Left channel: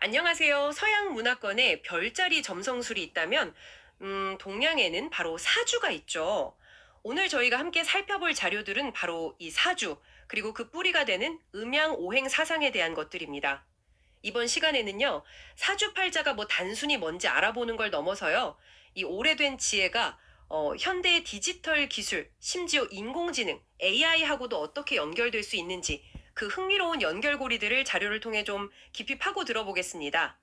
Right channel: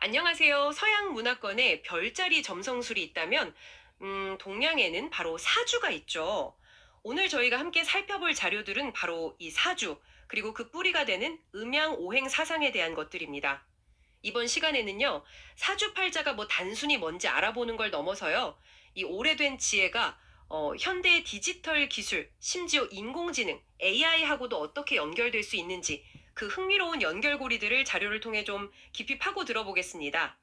안녕하세요. 서양 문화권에 별자리 점성술이 있다면, 동양에는 바로 사주가 있죠. 오늘 저희가 함께 살펴볼 자료들은 바로 이 사주, 그리고 그 뿌리가 되는 음양 오행 사상에 대한 것들입니다. 이번 시간에는요, 사주팔자가 뭐 단순히 뭔지 알아보는 걸 넘어서요, 이 오래된 지혜가 현대의 디지털 기술, 심지어 인공지능, AI하고도 어떻게 연결될 수 있는지 그 흥미로운 연결고리들을 자료를 통해 좀 깊이 파고 들어보겠습니다.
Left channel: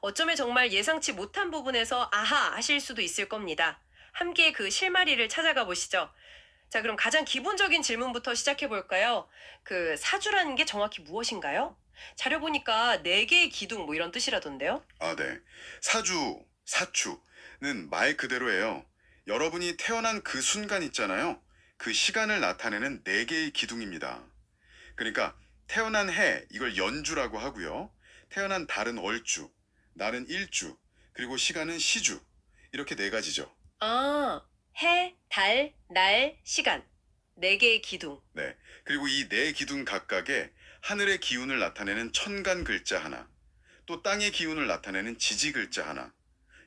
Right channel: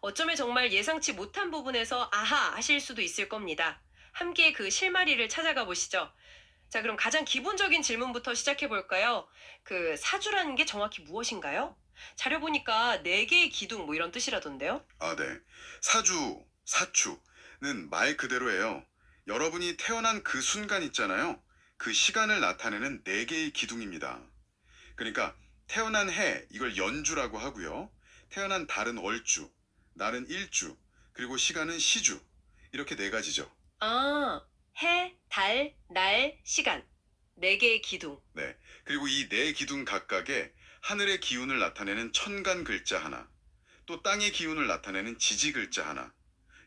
어쩌면 정말 예상치 못한 부분에서 아하 하실 수도 있을 겁니다. 함께 그 실마리를 찾아가 보시죠. 자, 그럼 가장 기본적인 질문부터 시작해 볼까요? 그 사주라는 게 정확히 무엇인가요? 자료 보니까 네 개의 기둥 뭐 이런 뜻이라던데요. 네. 사주, 사추는 말 그대로예요. 여러분이 태어난 그 순간 있잖아요. 그 시간을 나타내는 네 개의 기둥입니다. 그러니까 태어난 해, 이걸 연주라고 하고요. 태어난 달은 월주, 날은 일주, 그리고 시간은 시주. 이렇게 네 가지죠. 아, 해, 달, 날, 시간. 네 개의 기둥. 네. 그리고 이 네 기둥 각각에 하늘의 기운을 나타내는 천간 글자 하나, 또 땅의 기운을 나타내는 지지 글자 하나,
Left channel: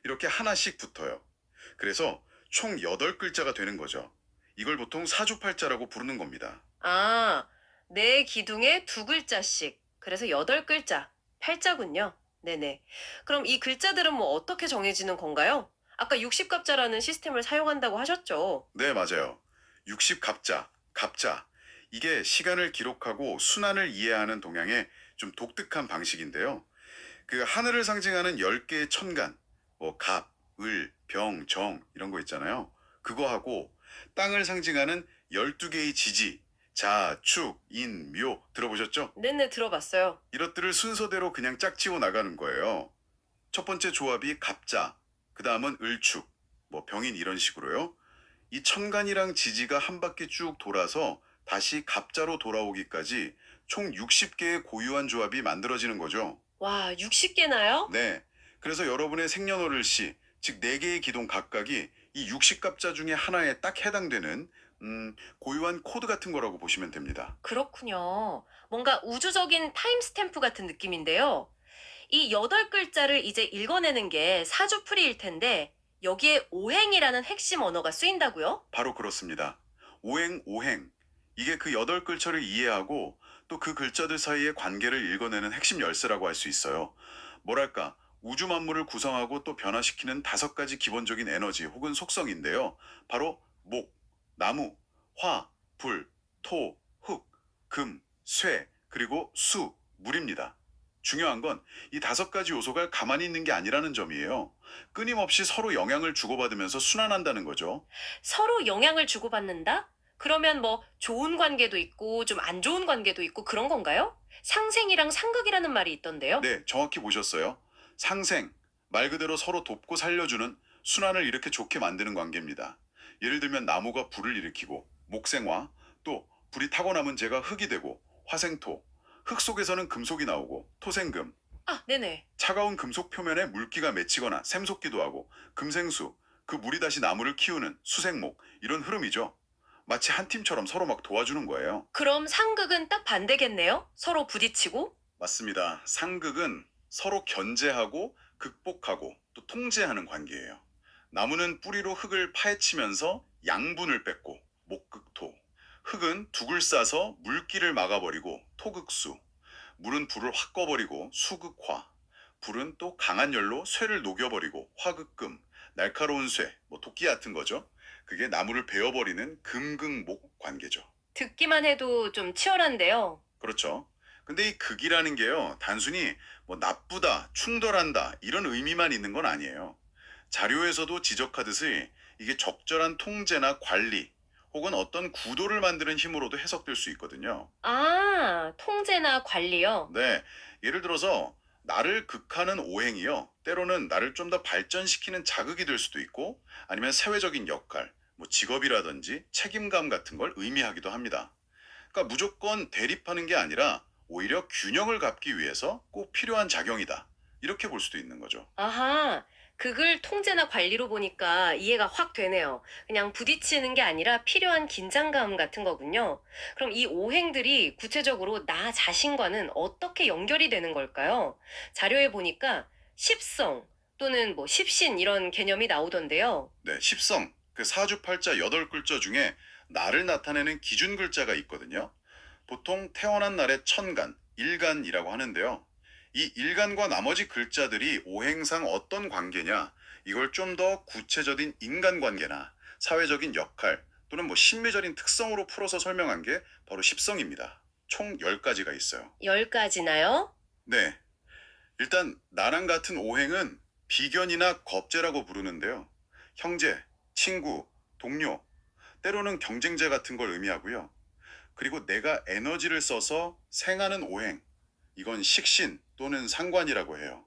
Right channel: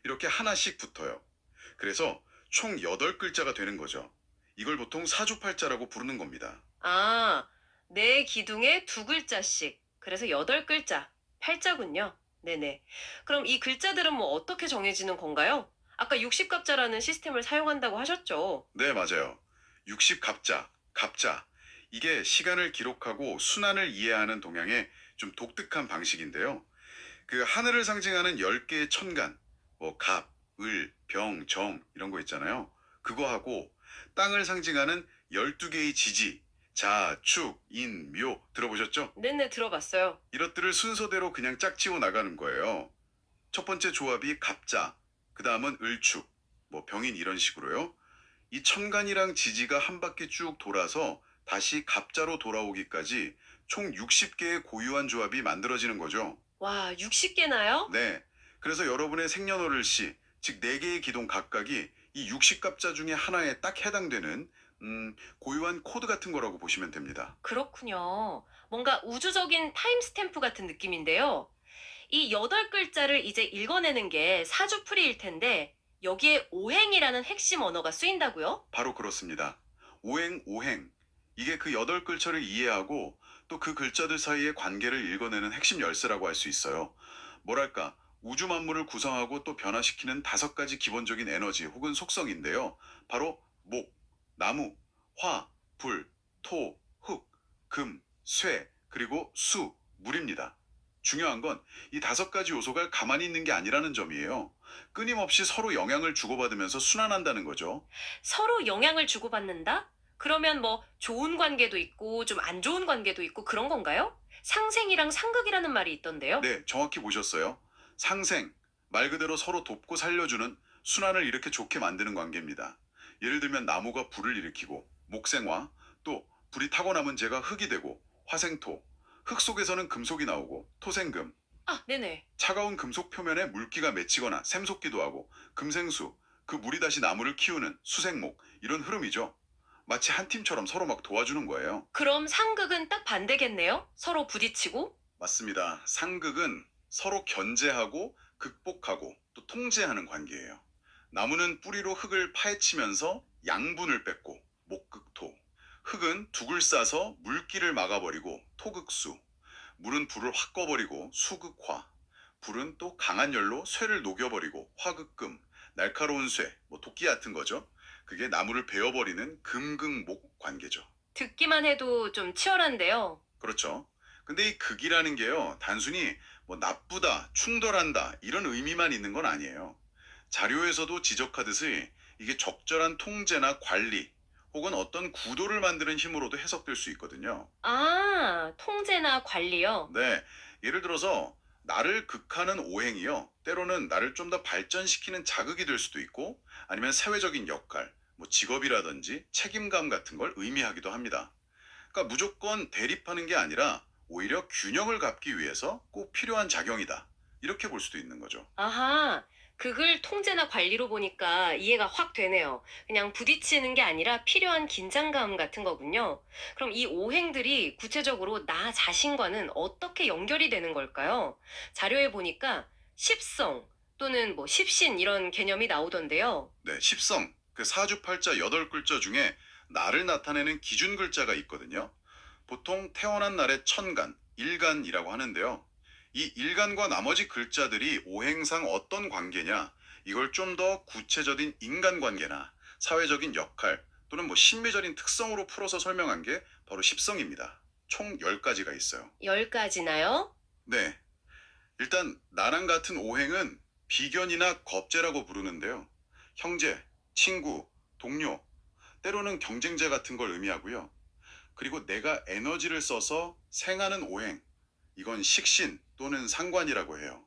이렇게 하나씩 붙어요. 그래서 총 8글자가 되는 거죠. 이걸 보통 사주팔자라고 부르는 겁니다. 아, 네 기둥에 두 글자씩. 그래서 여덟 글자. 팔자군요. 네네. 그럼 이 글자들은 뭐 어떻게 정해지는 건가요? 아까 60갑자라는 시스템을 사용한다고 하셨죠? 네, 맞아요. 60갑자, 갑자. 이게 시간을 기록하고 순환을 이해하는 동양의 좀 독특한 방식인데요. 그 하늘을 상징하는 10개의 천간, 뭐 갑, 을, 병, 정 이런 거 있잖아요. 그거하고 땅을 상징하는 12개의 지지, 자, 축, 인, 묘 들어보셨죠? 네네, 들어봤어요. 이것들을 순서대로 그냥 짝지어 나가는 거예요. 첫 번째 조합이 갑자, 그 다음은 을축, 뭐 병인 이런 식으로요. 이 천간이랑 지지가 한 바퀴 쭉 돌아서 다시 갑자로 돌아오기까지 총 60개의 고유한 조합이 만들어지는 거죠. 와, 60개나요? 네. 그래서 여러분의 생년월일시, 즉 4개의 기둥 각각이 이 60갑자 중에 하나에 딱 해당되는 고유한 코드 같은 거라고 보시면 됩니다. 그렇군요. 뭔가 우주적인 타임스탬프 같은 느낌인데요. 이 여덟 글자를 이제 읽어내는 게 사주풀이일 텐데, 여기에 오행이라는 핵심 언어가 쓰인다고요? 바로 그렇습니다. 오행, 오행. 이게 그 8글자를 이해하고 또 그 글자들 사이의 관계를 읽어내는 핵심 열쇠라고 할 수 있어요. 뭐랄까, 우주 만물을 구성하고 또 변화시키는 5가지 기본적인 에너지 혹은 속성인데요. 바로 목, 나무, 화, 불, 토, 흙, 금, 쇠, 그리고 수, 물입니다. 중요한 건 이 5가지 요소가 가만히 있는 게 아니라는 점이에요. 끊임없이 서로 영향을 주고받으면서 순환한다는 거죠. 서로 영향을 주고받는다? 그러면 뭐 좋은 관계도 있고 좀 안 좋은 관계도 있고 그런 건가요? 상생이랑 상극이라는 말이 있던데요. 네, 정확히 보셨어요. 상생, 말 그대로 서로 돕고 살려주는 순환을 이렇게 좋게 만드는 관계입니다. 예를 들면 나무가 불을 일으키고 목생화, 또 불이 타고 남은 재가 흙이 되고 화생토, 흙 속에서는 금속이 나오고 토생금, 아, 네네. 차가운 금속 표면에 물기가 맺히거나 샘솟기도 하고 금생수, 그 물이 다시 나무를 키우는 수생목, 이런 흐름이죠. 마치 한 팀처럼 서로 막 도와주는 거예요. 그럼 상극은 딱 반대겠네요? 서로 부딪히고? 맞습니다. 상극은 서로 견제하고 극복하고 또 통제하는 관계예요. 나무는 뿌리로 흙을 파헤치면서 양분을 뺏고 목극토. 흙은 둑을 싸서 물기를 막아버리고 토극수. 물은 불을 확 꺼버리고 수극화. 불은 또 강한 열로 쇠를 녹여버리고 화극금. 날카로운 쇠, 뭐 도끼 같은 거죠. 그게 나무를 베어버리는 금극목 관계죠. 듣기만 해도 좀 치열한데요. 그렇죠. 근데 이 극이라는 게요, 단순히 뭐 나쁘다, 충돌한다, 이런 의미만 있는 건 아니에요. 자료에서도 지적하듯이 이게 적절한 통제나 관리, 혹은 어떤 구도를 만드는 힘으로도 해석될 수 있거든요. 아, 통제나 관리요? 네, 예를 들어서 나를 극하는 오행이요, 때로는 나를 좀 더 발전시키는 자극이 될 수도 있고, 아니면 사회적인 역할, 뭐 직업이라든지 책임감 같은 걸 의미하기도 합니다. 그러니까 무조건 대립하는 게 아니라 오히려 균형을 갖기 위해서 꼭 필요한 작용이다. 이렇게 볼 수도 있는 거죠. 아하, 극을 통제나 관리로 보니까 이해가 확 되네요. 그냥 부딪히는 게 아니라 필요한 긴장감 같은 거군요. 그럼 이 오행들이 구체적으로 나 자신과는 어떻게 연결이 되는 걸까요? 자료에 보니까 십성 또는 뭐 십신 이런 개념이 나오던데요. 네, 십성, 그 사주팔자 8글자 중에 날을 나타내는 기준 글자가 있거든요. 보통 태어난 날의 천간, 일간이라고 하는데요. 이 일간과 나머지 글자들이 오행상 어떤 관계냐, 이걸 좀 더 구체적인 인간관계나 사회적인 역할 또는 뭐 심미적인 특성으로 풀어서 설명한 게 바로 십성입니다. 총 10가지가 있어요. 열 가지나요? 네, 일단 나랑 같은 오행은 비견이나 겁재라고 부르는데요. 형제, 친구, 동료, 때로는 경쟁자 같은 걸 의미하고요. 그리고 내가 에너지를 써서 생하는 오행, 이건 식신 또는 상관이라고 해요.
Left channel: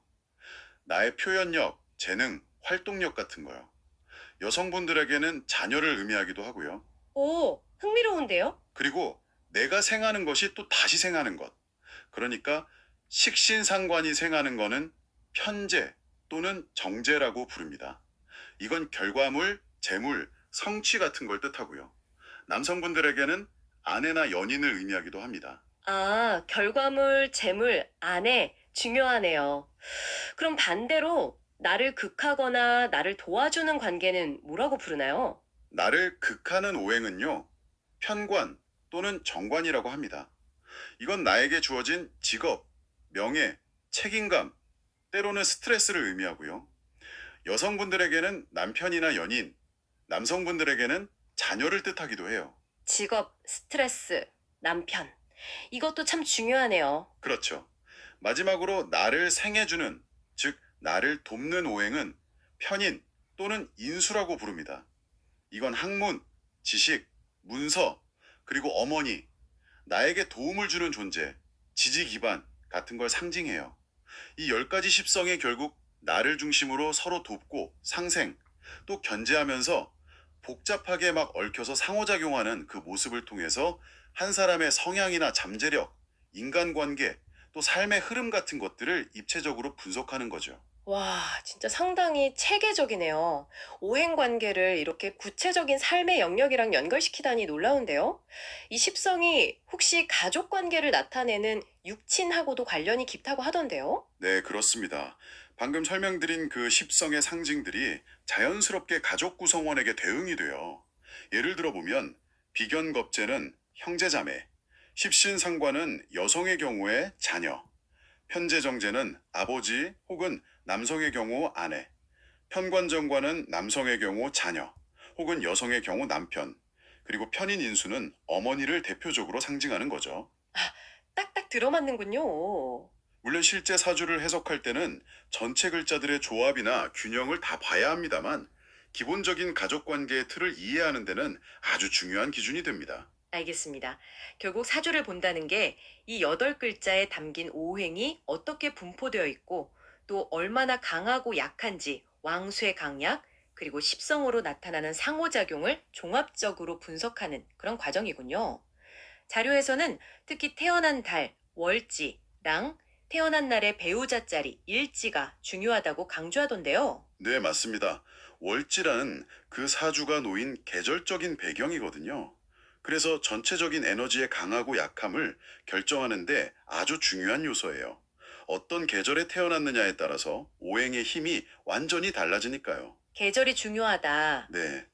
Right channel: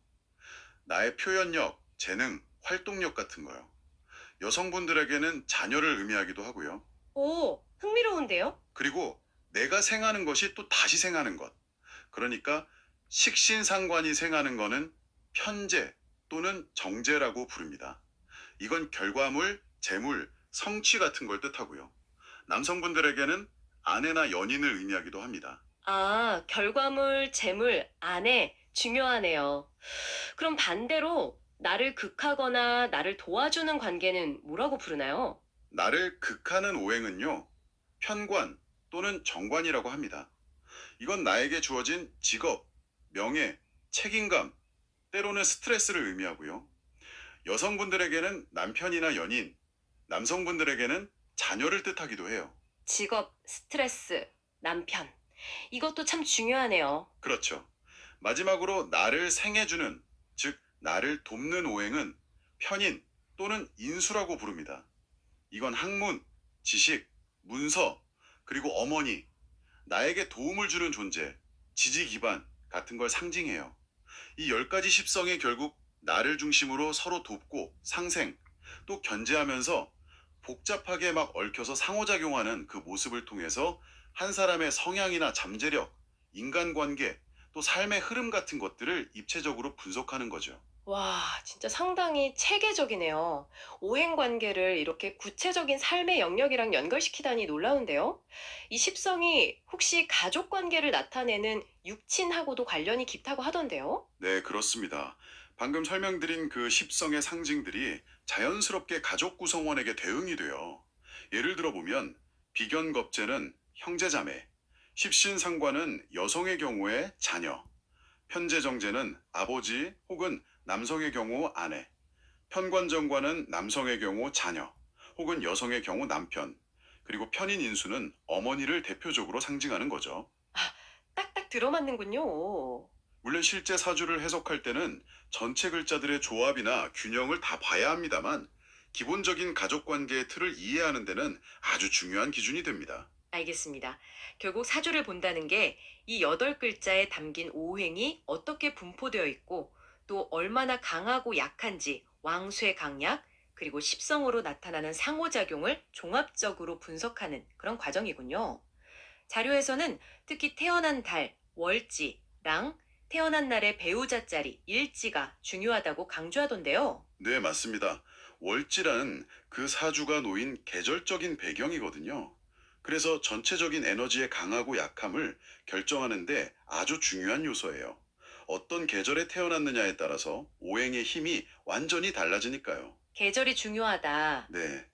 나의 표현력, 재능, 활동력 같은 거요. 여성분들에게는 자녀를 의미하기도 하고요. 오, 흥미로운데요? 그리고 내가 생하는 것이 또 다시 생하는 것. 그러니까 식신상관이 생하는 거는 편재 또는 정재라고 부릅니다. 이건 결과물, 재물, 성취 같은 걸 뜻하고요. 남성분들에게는 아내나 연인을 의미하기도 합니다. 아, 결과물, 재물, 아내, 중요하네요. 그럼 반대로 나를 극하거나 나를 도와주는 관계는 뭐라고 부르나요? 나를 극하는 오행은요, 편관 또는 정관이라고 합니다. 이건 나에게 주어진 직업, 명예, 책임감, 때로는 스트레스를 의미하고요. 여성분들에게는 남편이나 연인, 남성분들에게는 자녀를 뜻하기도 해요. 직업, 스트레스, 남편. 이것도 참 중요하네요. 그렇죠. 마지막으로 나를 생해주는, 즉, 나를 돕는 오행은 편인 또는 인수라고 부릅니다. 이건 학문, 지식, 문서, 그리고 어머니, 나에게 도움을 주는 존재, 지지 기반 같은 걸 상징해요. 이 10가지 십성이 결국 나를 중심으로 서로 돕고 상생, 또 견제하면서 복잡하게 막 얽혀서 상호작용하는 그 모습을 통해서 한 사람의 성향이나 잠재력, 인간관계, 또 삶의 흐름 같은 것들을 입체적으로 분석하는 거죠. 와, 진짜 상당히 체계적이네요. 오행 관계를 이렇게 구체적인 삶의 영역이랑 연결시키다니 놀라운데요. 이 십성이 혹시 가족 관계를 나타내는 육친하고도 관련이 깊다고 하던데요. 네, 그렇습니다. 방금 설명드린 그 십성의 상징들이 자연스럽게 가족 구성원에게 대응이 돼요. 예를 들어보면 비견겁제는 형제자매, 십신상관은 여성의 경우에 자녀, 편재정제는 아버지 혹은 남성의 경우 아내, 편관정관은 남성의 경우 자녀 혹은 여성의 경우 남편, 그리고 편인인수는 어머니를 대표적으로 상징하는 거죠. 딱딱 들어맞는군요. 물론 실제 사주를 해석할 때는 전체 글자들의 조합이나 균형을 다 봐야 합니다만 기본적인 가족 관계의 틀을 이해하는 데는 아주 중요한 기준이 됩니다. 알겠습니다. 결국 사주를 본다는 게 이 여덟 글자에 담긴 오행이 어떻게 분포되어 있고 또 얼마나 강하고 약한지 왕수의 강약 그리고 십성으로 나타나는 상호작용을 종합적으로 분석하는 그런 과정이군요. 자료에서는 특히 태어난 달, 월지, 랑, 태어난 날의 배우자 자리, 일지가 중요하다고 강조하던데요. 네, 맞습니다. 월지라는 그 사주가 놓인 계절적인 배경이거든요. 그래서 전체적인 에너지의 강하고 약함을 결정하는데 아주 중요한 요소예요. 어떤 계절에 태어났느냐에 따라서 오행의 힘이 완전히 달라지니까요. 계절이 중요하다. 네.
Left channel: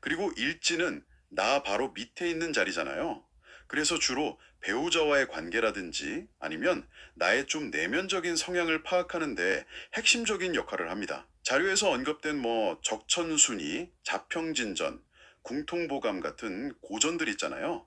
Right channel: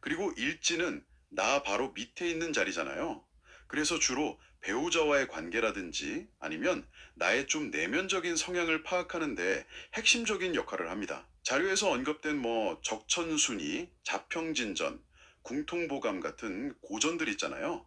그리고 일지는 나 바로 밑에 있는 자리잖아요. 그래서 주로 배우자와의 관계라든지 아니면 나의 좀 내면적인 성향을 파악하는데 핵심적인 역할을 합니다. 자료에서 언급된 뭐 적천순이, 자평진전, 궁통보감 같은 고전들 있잖아요.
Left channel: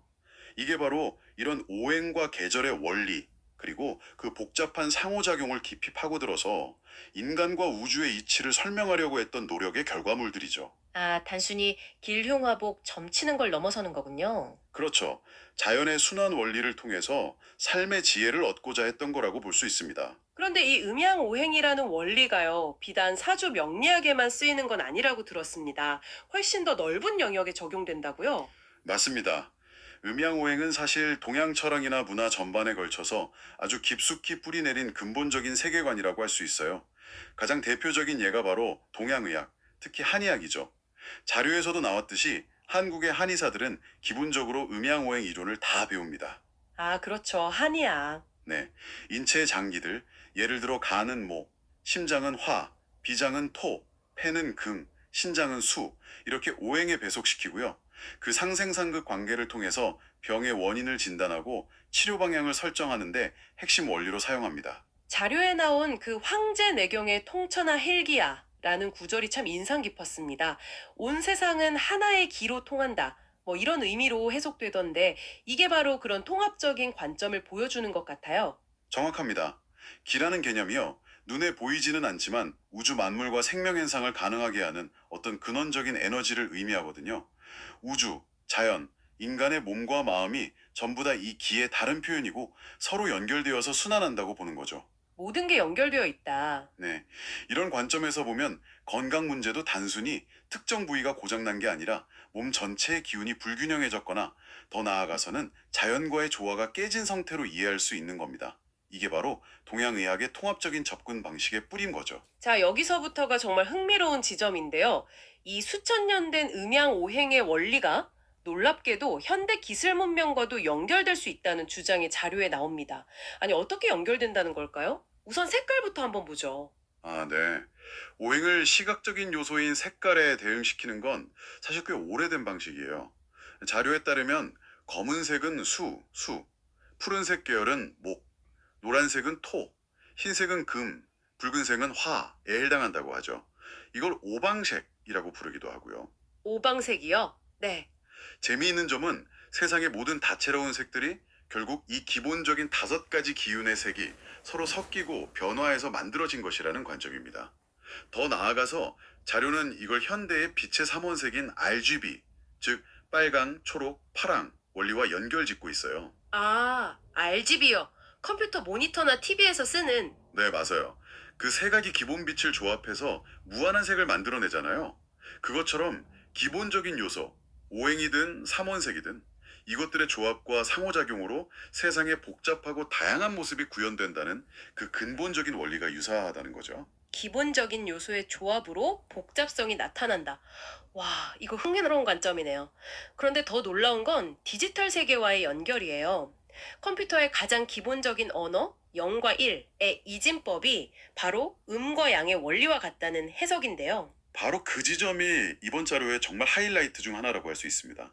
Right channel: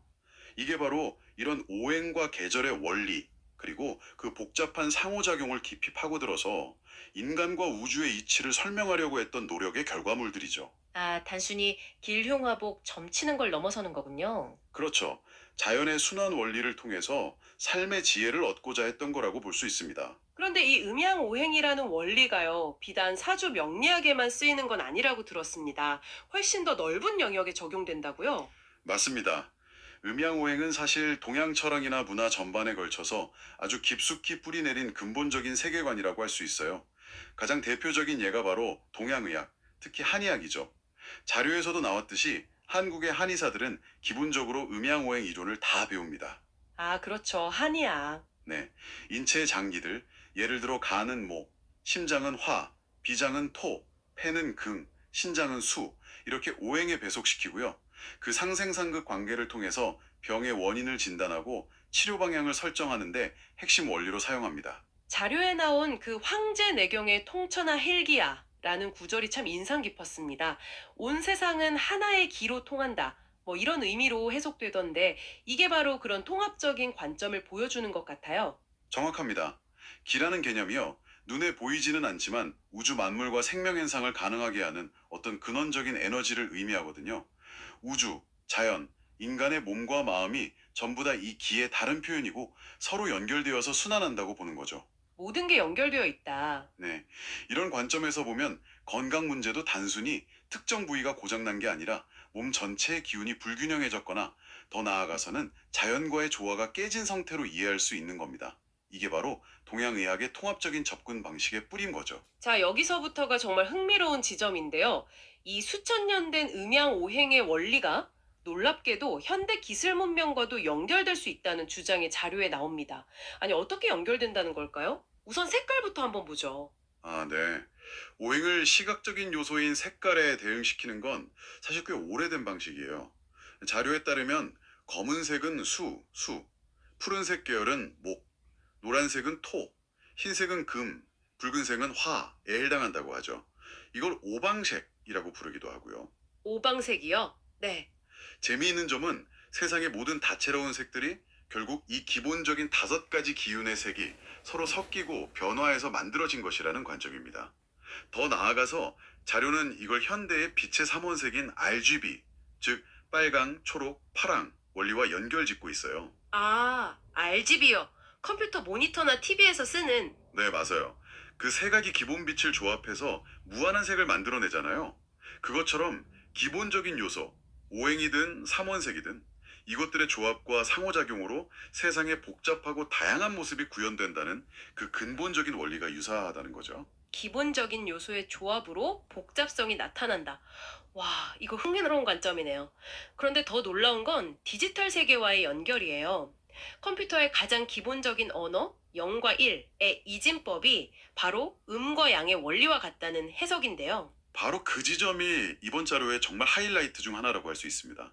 이게 바로 이런 오행과 계절의 원리, 그리고 그 복잡한 상호작용을 깊이 파고들어서 인간과 우주의 이치를 설명하려고 했던 노력의 결과물들이죠. 아, 단순히 길흉화복 점치는 걸 넘어서는 거군요. 그렇죠. 자연의 순환 원리를 통해서 삶의 지혜를 얻고자 했던 거라고 볼 수 있습니다. 그런데 이 음양오행이라는 원리가요, 비단 사주 명리학에만 쓰이는 건 아니라고 들었습니다. 훨씬 더 넓은 영역에 적용된다고요? 맞습니다. 음양오행은 사실 동양 철학이나 문화 전반에 걸쳐서 아주 깊숙이 뿌리내린 근본적인 세계관이라고 할 수 있어요. 가장 대표적인 예가 바로 동양의학, 특히 한의학이죠. 자료에서도 나왔듯이 한국의 한의사들은 기본적으로 음양오행 이론을 다 배웁니다. 아, 그렇죠. 한의학. 네. 인체의 장기들, 예를 들어 간은 목, 심장은 화, 비장은 토, 폐는 금, 신장은 수, 이렇게 오행에 배속시키고요. 그 상생상극 관계를 통해서 병의 원인을 진단하고 치료 방향을 설정하는데 핵심 원리로 사용합니다. 자료에 나온 그 황제내경의 통천하 헬기야라는 구절이 참 인상 깊었습니다. 온 세상은 하나의 기로 통한다. 뭐 이런 의미로 해석되던데 이게 바로 그런 통합적인 관점을 보여주는 것 같아요. 정확합니다. 기라는 개념이요. 눈에 보이지는 않지만 우주 만물과 생명 현상을 가능하게 하는 어떤 근원적인 에너지를 의미하거든요. 우주, 자연, 인간의 몸과 마음이 전부 다 이 기의 다른 표현이고 서로 연결되어서 순환한다고 보는 거죠. 모든 게 연결되어 있다. 네. 이런 관점에서 보면 건강 문제도 단순히 특정 부위가 고장난 게 아니라 몸 전체의 기운이 불균형해졌거나 더 나아가서는 자연과의 조화가 깨진 상태로 이해할 수 있는 겁니다. 이게 바로 동양의학의 통합적인 접근 방식의 뿌린 거죠. 자, 여기서부터가 정말 흥미로운 지점인데요. 이 수천 년 된 음양 오행의 원리가 놀랍게도 현대 기술 문명과도 연결될 수 있다는 주장이 자료에 나옵니다. 아니, 어떻게 연결된다는 걸까요? 우선 색깔부터 한번 보죠. 아, 네. 오행을 시각적인 요소인 색깔에 대응시키는 건 사실 꽤 오래된 방식이에요. 자료에 따르면 검은색은 수, 푸른색 계열은 목, 노란색은 토, 흰색은 금, 붉은색은 화에 해당한다고 하죠. 이걸 오방색이라고 부르기도 하고요. 오방색이요? 네. 재미있는 점은 세상의 모든 다채로운 색들이 결국 이 기본적인 5가지 기운의 색이 서로 섞이고 변화해서 만들어진 것이라는 관점입니다. 더 나아가서 자료는 이걸 현대의 빛의 삼원색인 RGB, 즉 빨강, 초록, 파랑 원리와 연결짓고 있어요. 아, RGB요. 컴퓨터 모니터나 TV에서 쓰는. 네, 맞아요. 그 세 가지 기본 빛을 조합해서 무한한 색을 만들어내잖아요. 그것처럼 기본적인 요소, 오행이든 삼원색이든 이것들의 조합과 상호작용으로 세상의 복잡하고 다양한 모습이 구현된다는 그 근본적인 원리가 유사하다는 거죠. 기본적인 요소의 조합으로 복잡성이 나타난다. 와, 이거 흥미로운 관점이네요. 그런데 더 놀라운 건 디지털 세계와의 연결이에요. 컴퓨터의 가장 기본적인 언어, 0과 1의 이진법이 바로 음과 양의 원리와 같다는 해석인데요. 바로 그 지점이 이번 자료의 정말 하이라이트 중 하나라고 할 수 있습니다.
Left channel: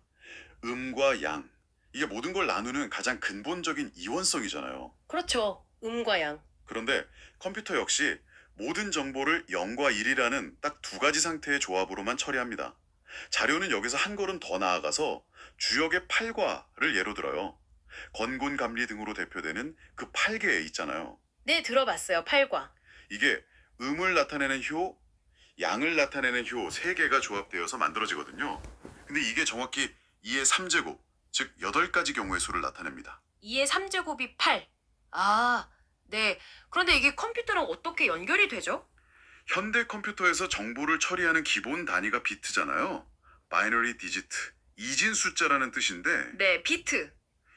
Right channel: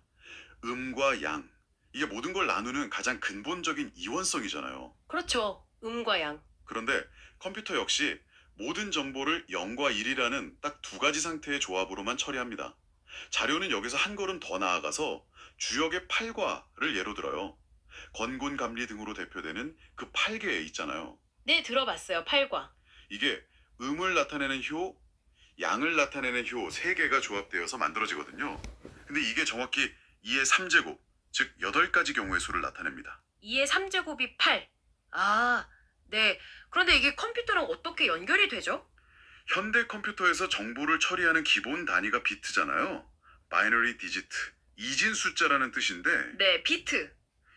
음과 양. 이게 모든 걸 나누는 가장 근본적인 이원성이잖아요. 그렇죠. 음과 양. 그런데 컴퓨터 역시 모든 정보를 0과 1이라는 딱 2가지 상태의 조합으로만 처리합니다. 자료는 여기서 한 걸음 더 나아가서 주역의 팔과를 예로 들어요. 건곤 감리 등으로 대표되는 그 8개 있잖아요. 네, 들어봤어요. 팔과. 이게 음을 나타내는 효, 양을 나타내는 효 3개가 조합되어서 만들어지거든요. 근데 이게 정확히 2의 3제곱, 즉 8가지 경우의 수를 나타냅니다. 2의 3제곱이 8. 아, 네. 그런데 이게 컴퓨터랑 어떻게 연결이 되죠? 현대 컴퓨터에서 정보를 처리하는 기본 단위가 비트잖아요. 바이너리 디지트, 이진 숫자라는 뜻인데 네, 비트.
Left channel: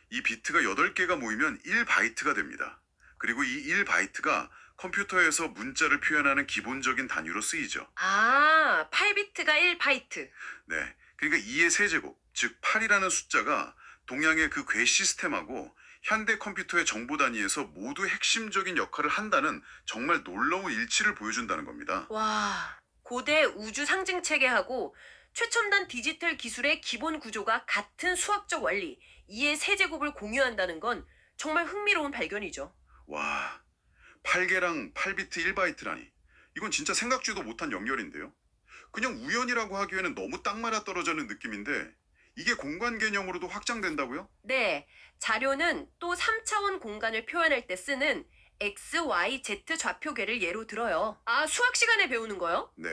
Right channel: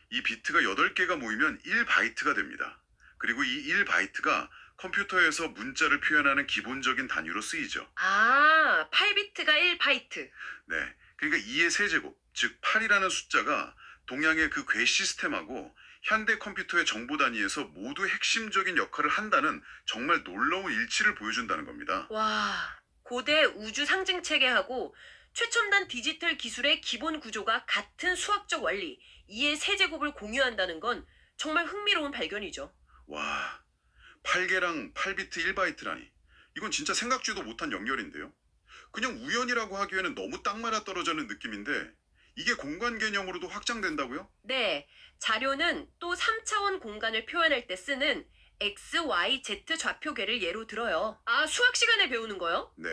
이 비트가 8개가 모이면 1바이트가 됩니다. 그리고 이 1바이트가 컴퓨터에서 문자를 표현하는 기본적인 단위로 쓰이죠. 아, 8비트가 1바이트. 네. 그러니까 2의 세제곱, 즉 8이라는 숫자가 동양의 그 궤 시스템하고 현대 컴퓨터의 정보 단위에서 모두 핵심적인 역할을 한다는 정말 놀라운 일치를 보여준다는 겁니다. 와, 고대 우주 상징 체계하고 최첨단 디지털 기술의 기본 구조가 같은 수학적 원리, 2의 세제곱을 공유한다는 건 정말 흥미로운 발견이죠. 와, 8개랑 8비트 1바이트라니. 이건 진짜 생각지도 못한 연결인데요. 그냥 우연이라고 하기에는 너무 딱 맞아 떨어지는 느낌인데 이게 공간 개념으로도 확장된다고요? 네, 자료는 또 3차원 공간을 표현할 때 쓰는 X, Y, Z 좌표계를 예로 들어요. 아, 수학 시간에 배우는 거요? 네.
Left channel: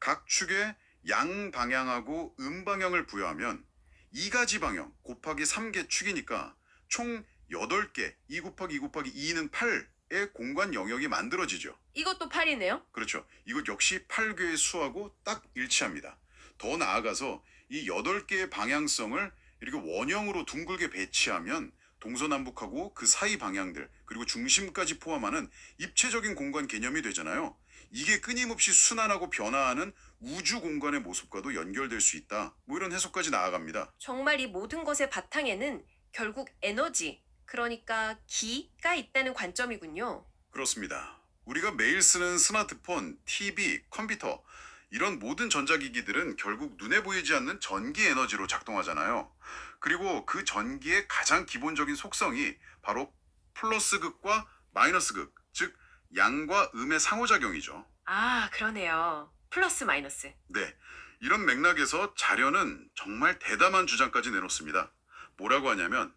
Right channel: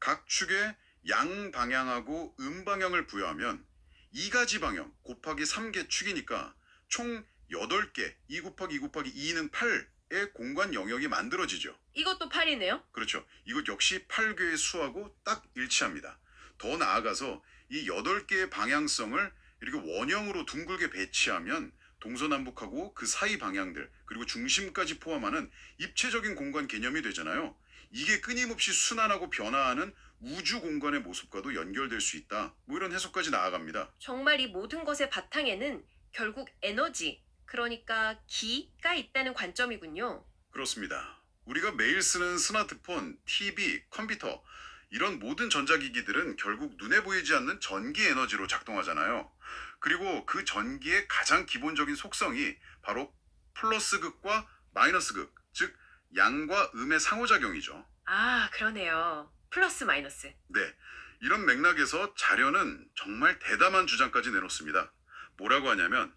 각 축에 양 방향하고 음 방향을 부여하면 2가지 방향 곱하기 3개 축이니까 총 8개 2 곱하기 2 곱하기 2는 8의 공간 영역이 만들어지죠. 이것도 8이네요. 그렇죠. 이것 역시 8개의 수하고 딱 일치합니다. 더 나아가서 이 8개의 방향성을 이렇게 원형으로 둥글게 배치하면 동서남북하고 그 사이 방향들 그리고 중심까지 포함하는 입체적인 공간 개념이 되잖아요. 이게 끊임없이 순환하고 변화하는 우주 공간의 모습과도 연결될 수 있다. 뭐 이런 해석까지 나아갑니다. 정말 이 모든 것의 바탕에는 결국 에너지, 그러니까 기가 있다는 관점이군요. 그렇습니다. 우리가 매일 쓰는 스마트폰, TV, 컴퓨터 이런 모든 전자기기들은 결국 눈에 보이지 않는 전기 에너지로 작동하잖아요. 그리고 그 전기의 가장 기본적인 속성이 바로 플러스 극과 마이너스 극, 즉 양과 음의 상호작용이죠. 아, 그러네요. 플러스 마이너스. 네. 이런 맥락에서 자료는 정말 대담한 주장까지 내놓습니다. 뭐라고 하냐면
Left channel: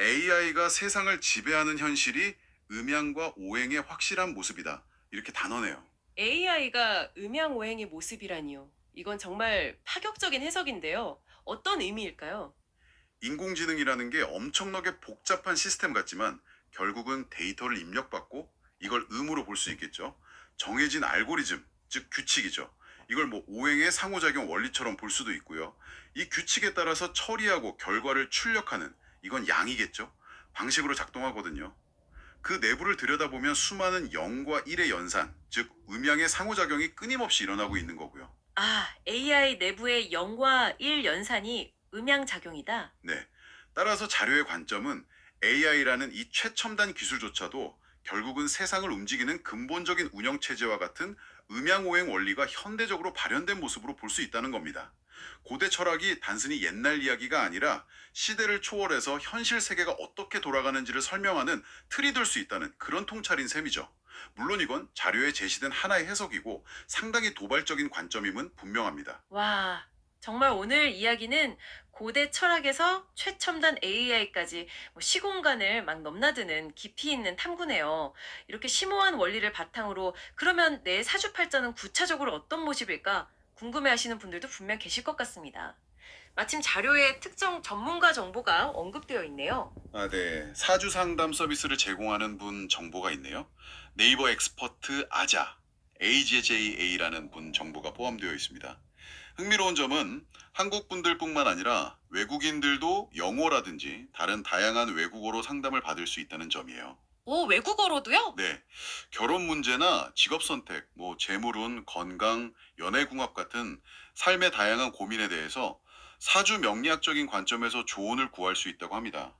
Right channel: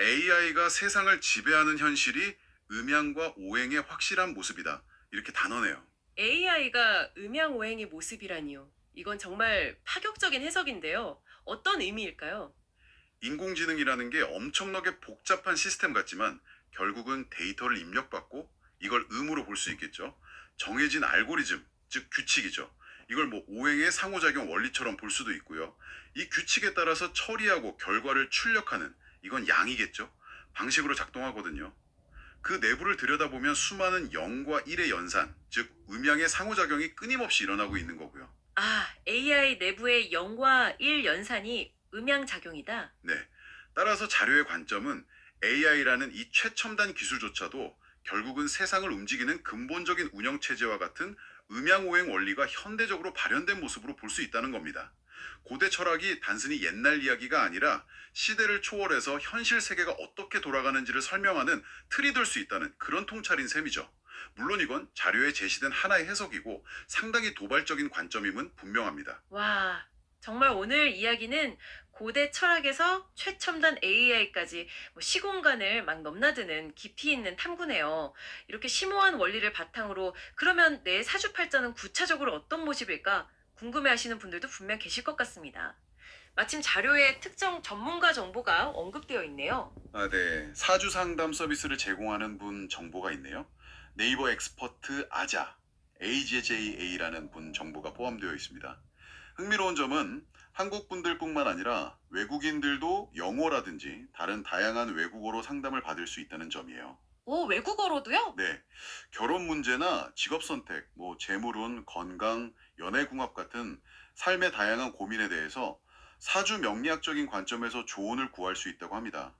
AI가 세상을 지배하는 현실이 음양과 오행의 확실한 모습이다. 이렇게 단언해요. AI가 음양오행의 모습이라니요. 이건 정말 파격적인 해석인데요. 어떤 의미일까요? 인공지능이라는 게 엄청나게 복잡한 시스템 같지만 결국은 데이터를 입력받고 이걸 음으로 볼 수 있겠죠. 정해진 알고리즘, 즉 규칙이죠. 이걸 뭐 오행의 상호작용 원리처럼 볼 수도 있고요. 이 규칙에 따라서 처리하고 결과를 출력하는 이건 양이겠죠. 방식으로 작동하거든요. 그 내부를 들여다보면 수많은 0과 1의 연산, 즉 음양의 상호작용이 끊임없이 일어나고 있는 거고요. 아, AI 내부의 0과 1 연산이 음양작용이다. 네. 따라서 자료의 관점은 AI라는 이 최첨단 기술조차도 결국은 세상을 움직이는 근본적인 운영체제와 같은 음양오행 원리가 현대적으로 발현된 모습으로 볼 수 있다는 겁니다. 고대 철학이 단순히 옛날 이야기가 아니라 시대를 초월해서 현실 세계가 어떻게 돌아가는지를 설명하는 틀이 될 수 있다는 그런 통찰인 셈이죠. 물론 이건 자료에 제시된 하나의 해석이고 상당히 도발적인 관점임은 분명합니다. 와, 정말 오늘 이야기는 고대 철학에서 최첨단 AI까지 시공간을 막 넘나드는 깊이 있는 탐구네요. 이렇게 심오한 원리를 바탕으로 그러면 내 사주팔자는 구체적으로 어떤 모습일까 궁금해하시는 분들도 분명 계실 것 같습니다. 마침 자료에 특정 전문가 정보가 언급되어 있네요. 아, 네. 사주 상담 서비스를 제공하는 분 정보가 있네요. 네이버 엑스퍼트 아자, AJA라는 분 정보가 포함되어 있습니다. 흥미로운 점은 한국 분들뿐만 아니라 외국인들도 영어라든지 다른 다양한 외국어로 상담을 받을 수 있다는 점이에요. 오, 외국어로도요? 네. 결혼 문제나 직업 선택, 재물운, 건강, 연애궁합 같은 삶의 다양한 고민에 대해서 사주 명리학적인 관점에서 조언을 구할 수 있다고 합니다.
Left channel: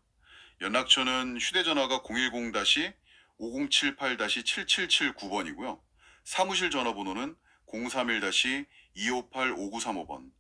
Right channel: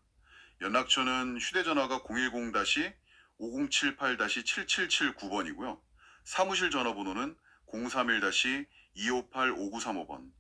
연락처는 휴대전화가 010-5078-7779번이고요. 사무실 전화번호는 031-258-5935번.